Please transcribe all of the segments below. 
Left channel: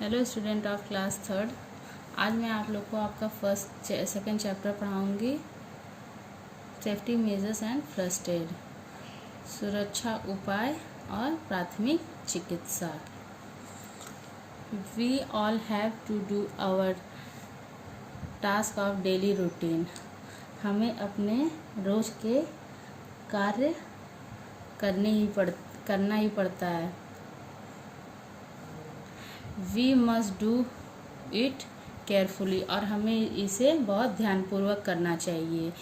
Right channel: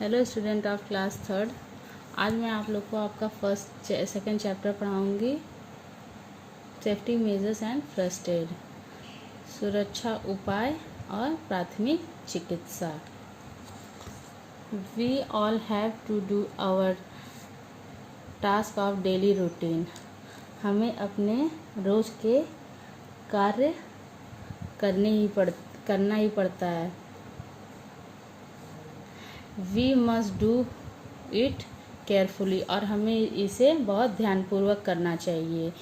Hello student of class third. आज मैं आप लोग को आपका सेकंड चैप्टर पढ़ाऊंगी, safety measures and first aid, सुरक्षा उपाय और प्राथमिक चिकित्सा। We all have to do our task of daily routine. हमें अपने रोज के कार्य करना ही पड़ता है। We must do it carefully, और हमें इसे बहुत ध्यानपूर्वक करना चाहिए।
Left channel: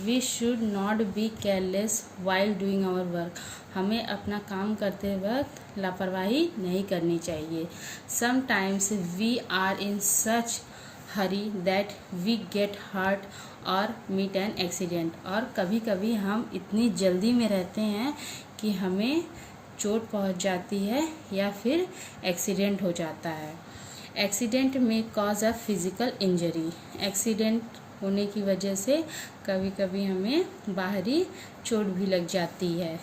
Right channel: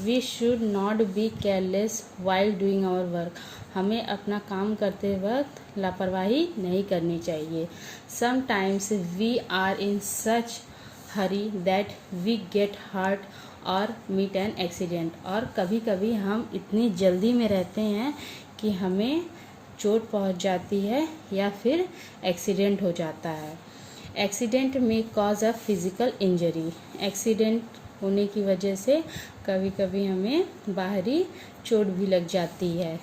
We should not be careless while doing our work. हमें अपना काम करते वक्त लापरवाही नहीं करनी चाहिए। Sometimes we are in such hurry that we get hurt और मीट एन एक्सीडेंट। और कभी कभी हम इतनी जल्दी में रहते हैं कि हमें चोट पहुंच जाती है या फिर एक्सीडेंट हो जाता है। एक्सीडेंट में cause a physical injury. Accident होने की वजह से कभी कभी हमें बाहरी चोट भी लग जाती है।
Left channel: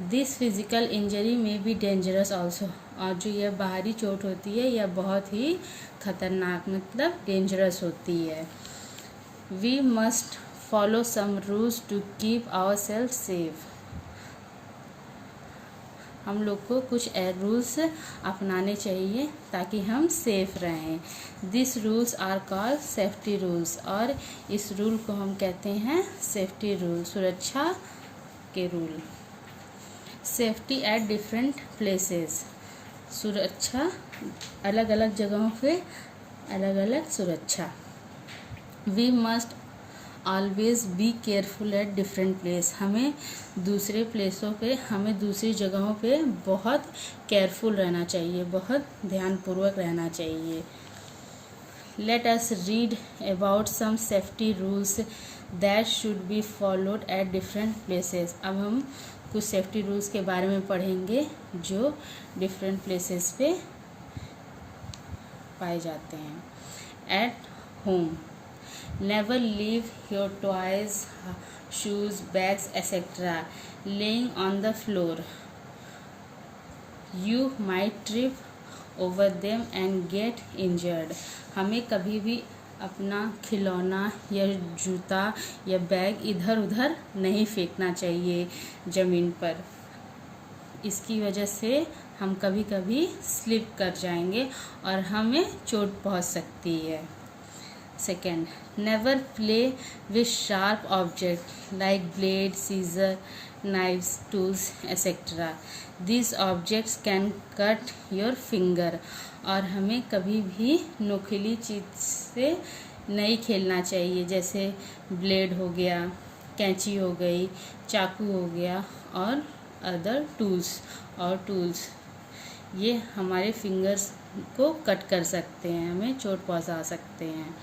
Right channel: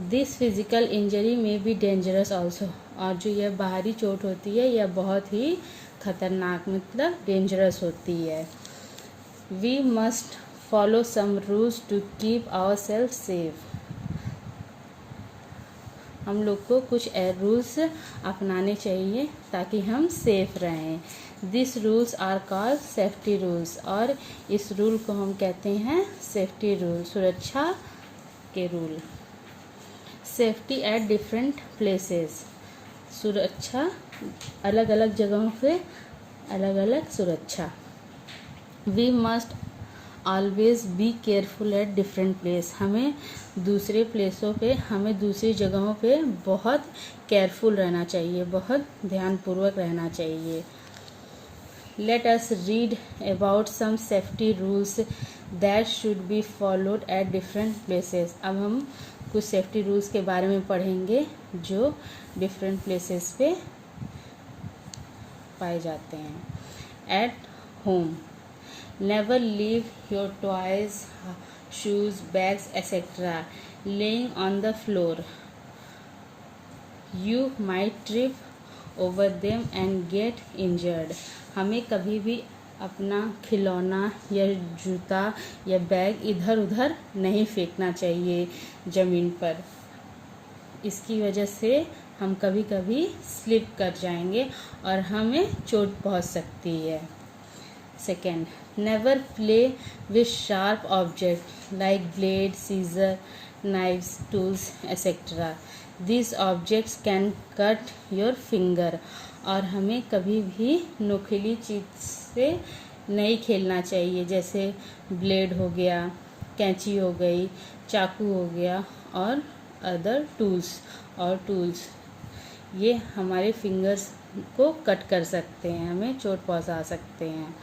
दिस फिजिकल इंजरी में बी डेंजरस ऑल्सो। और जो यह बाहरी चोट होती है यह बहुत ही खतरनाक मतलब डेंजरस होती है। We must follow some rules to keep our self safe. हम लोग को कुछ रूल्स अपनाने चाहिए ताकि हम सेफ रहें। This rules are called safety rules. और इस रूल को हम कहते हैं सेफ्टी रूल, सुरक्षा के rule. Safety at different places. सुरक्षा अलग अलग जगहों पे अलग अलग सुरक्षा। We must always be careful at different place. हमें दूसरी जगहों पे बहुत केयरफुल रहना चाहिए, बहुत ध्यानपूर्वक रहना चाहिए। Let us read about some safety rules that should be followed at different places. अब हम कुछ सेफ्टी रूल्स के बारे में पढ़ेंगे जो डिफरेंट प्लेसेस पे पाए जाते हैं। At home, never leave your toys, shoes, bags, etc. laying on the floor. You might trip over them and get injured. हमें कभी भी अपना खिलौना या जूता या बैग इधर उधर नहीं फेंकना चाहिए ज़मीन पर। इसकी वजह से हम कभी कभी स्लिप कर जाएंगे और हमें चोट पहुंच सकती है। Second, never play with sharp objects like blade, scissor, knives, tools, etc. These objects can cut your finger. और हमें कभी भी नुकीली चीज से नहीं खेलना चाहिए, जैसे ब्लेड हो गया, कैंची हो गई, चाकू हो गया और अदर टूल्स ये हमारे फिंगर्स को कट कर सकते हैं, हमें चोट पहुंचा सकते हैं।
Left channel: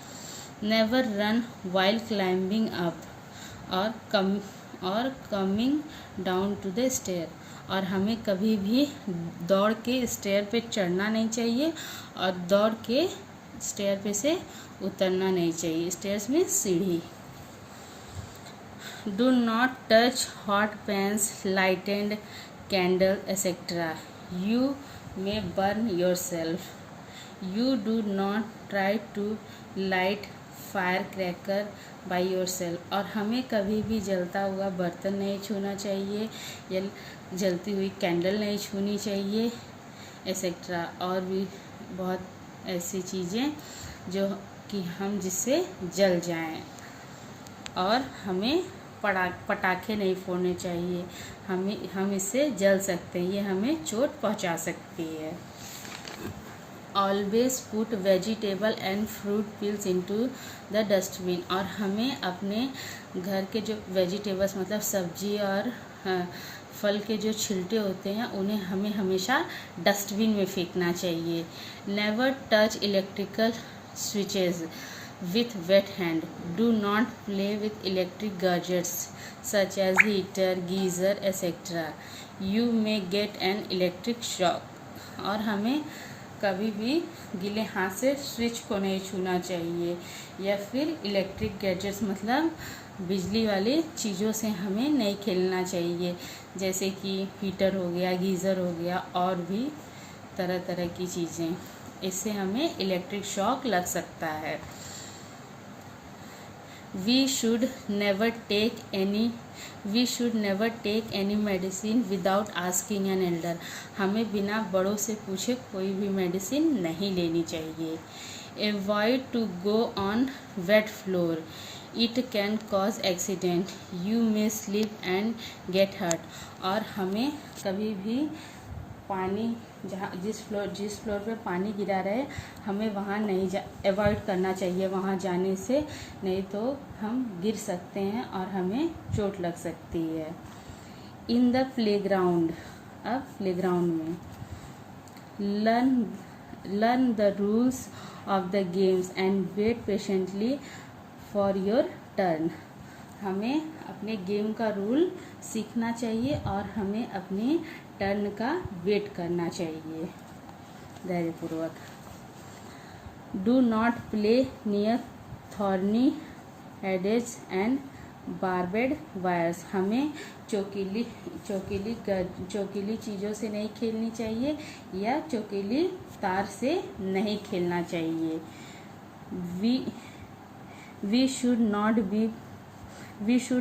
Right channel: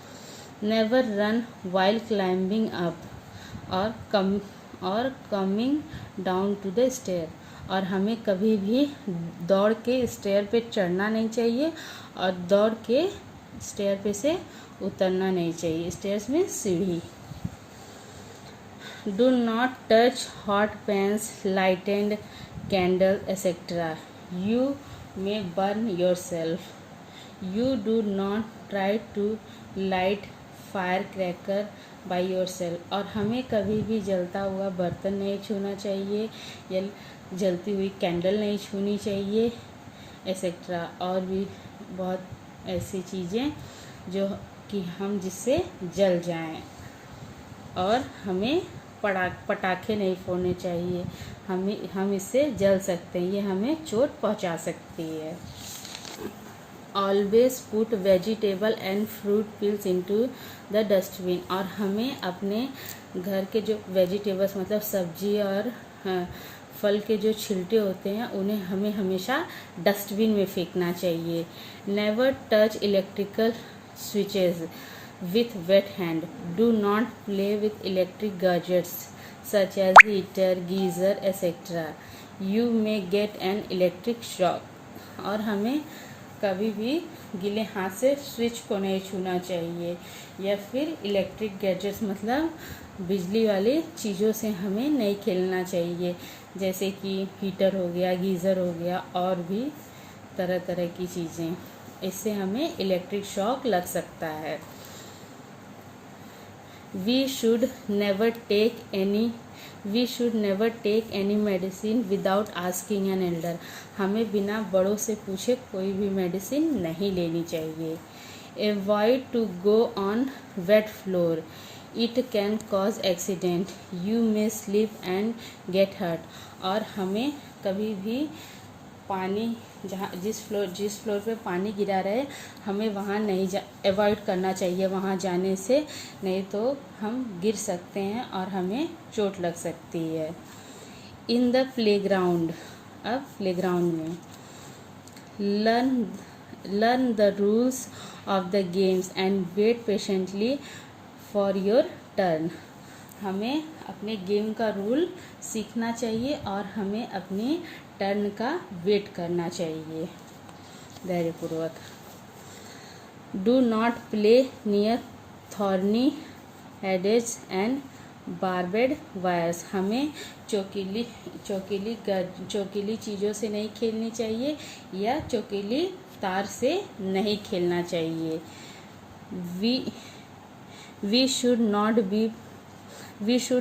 Never run while climbing up और coming down to the stair. और हमें कभी भी दौड़ के स्टेयर पे चढ़ना नहीं चाहिए और दौड़ के स्टेयर पे से उतरना नहीं चाहिए। स्टेयर्स में सीढ़ी। Do not touch hot pans, lighted candle etcetera. You may burn yourself. You do not try to light firecracker by yourself. और हमें कभी भी जलता हुआ बर्तन नहीं छूना चाहिए या जलती हुई कैंडल नहीं छूनी चाहिए एक्सेट्रा। और भी बहुत ऐसी चीज़ें जो कि हम जिससे जल जाएं। और हमें पटाखे नहीं फोड़ने चाहिए, हम इससे जल सकते हैं, ये हमें चोट पहुंचा सकती है। Always put vegetable and fruit peels into the dustbin. और हमें अपने घर के जो वेजिटेबल्स मतलब सब्जी और फल के जो छिलटे होते हैं उन्हें हमें हमेशा डस्टबिन में फेंकना चाहिए। Never touch electrical switches with wet hand. Do not play with electric gadgets such as heater, geyser, etc. You may get an electric shock. और हमें कभी भी गीले हाथ से स्विच को नहीं छूना चाहिए या फिर इलेक्ट्रिक गैजेट्स मतलब बिजली वाली चीज़ों से हमें नहीं खेलना चाहिए, जैसे कि हीटर हो गया, गीज़र हो गया और भी तरह तरह की चीज़ें, इससे हमें इलेक्ट्रिक शॉक लग सकता है। We should never take any medicine without asking an elder. हमें बिना बड़ों से पूछे कोई भी मेडिसिन नहीं लेनी चाहिए। Avoid to go on wet floor. It can cause accident. You may slip and get hurt. और हमें कभी भी पानी जिस फ्लोर पे पानी गिरा रहे हमें वहाँ नहीं अवॉइड करना चाहिए वहाँ जाने से, नहीं तो हम गिर सकते हैं और हमें चोट लग सकती है। इन द प्लेग्राउंड, अब प्लेग्राउंड में learn the rules of the games and wait patiently for your turn. हमें अपने गेम का रूल सीखना चाहिए और हमें अपनी टर्न का वेट करना चाहिए धैर्यपूर्वक। Do not play near thorny hedges and barbed wires. हमें चोकीली चीज़ों से नहीं खेलनी चाहिए या चोकीली तार से नहीं खेलना चाहिए। We should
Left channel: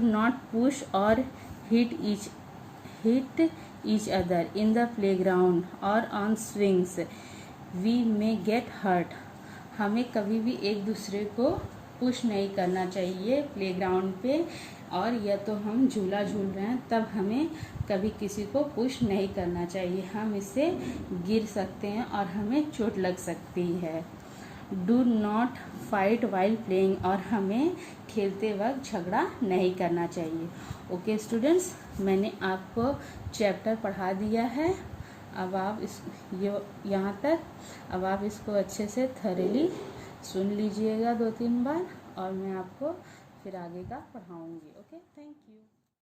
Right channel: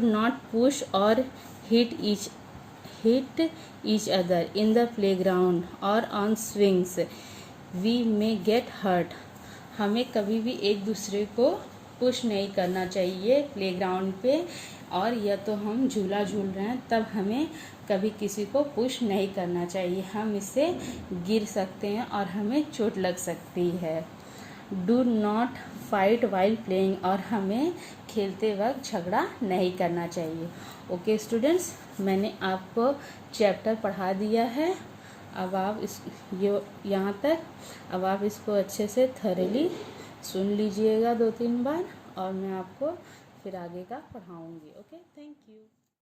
not push or hit each other in the playground or on swings. We may get hurt. हमें कभी भी एक दूसरे को पुश नहीं करना चाहिए प्लेग्राउंड पे, और या तो हम झूला झूल रहे हैं तब हमें कभी किसी को पुश नहीं करना चाहिए, हम इससे गिर सकते हैं और हमें चोट लग सकती है। Do not fight while playing, और हमें खेलते वक्त झगड़ा नहीं करना चाहिए। ओके स्टूडेंट्स, मैंने आपको चैप्टर पढ़ा दिया है। अब आप यहाँ तक अब आप इसको अच्छे से थॉरली सुन लीजिएगा 2-3 बार, और मैं आपको फिर आगे का पढ़ाऊँगी। Okay, thank you.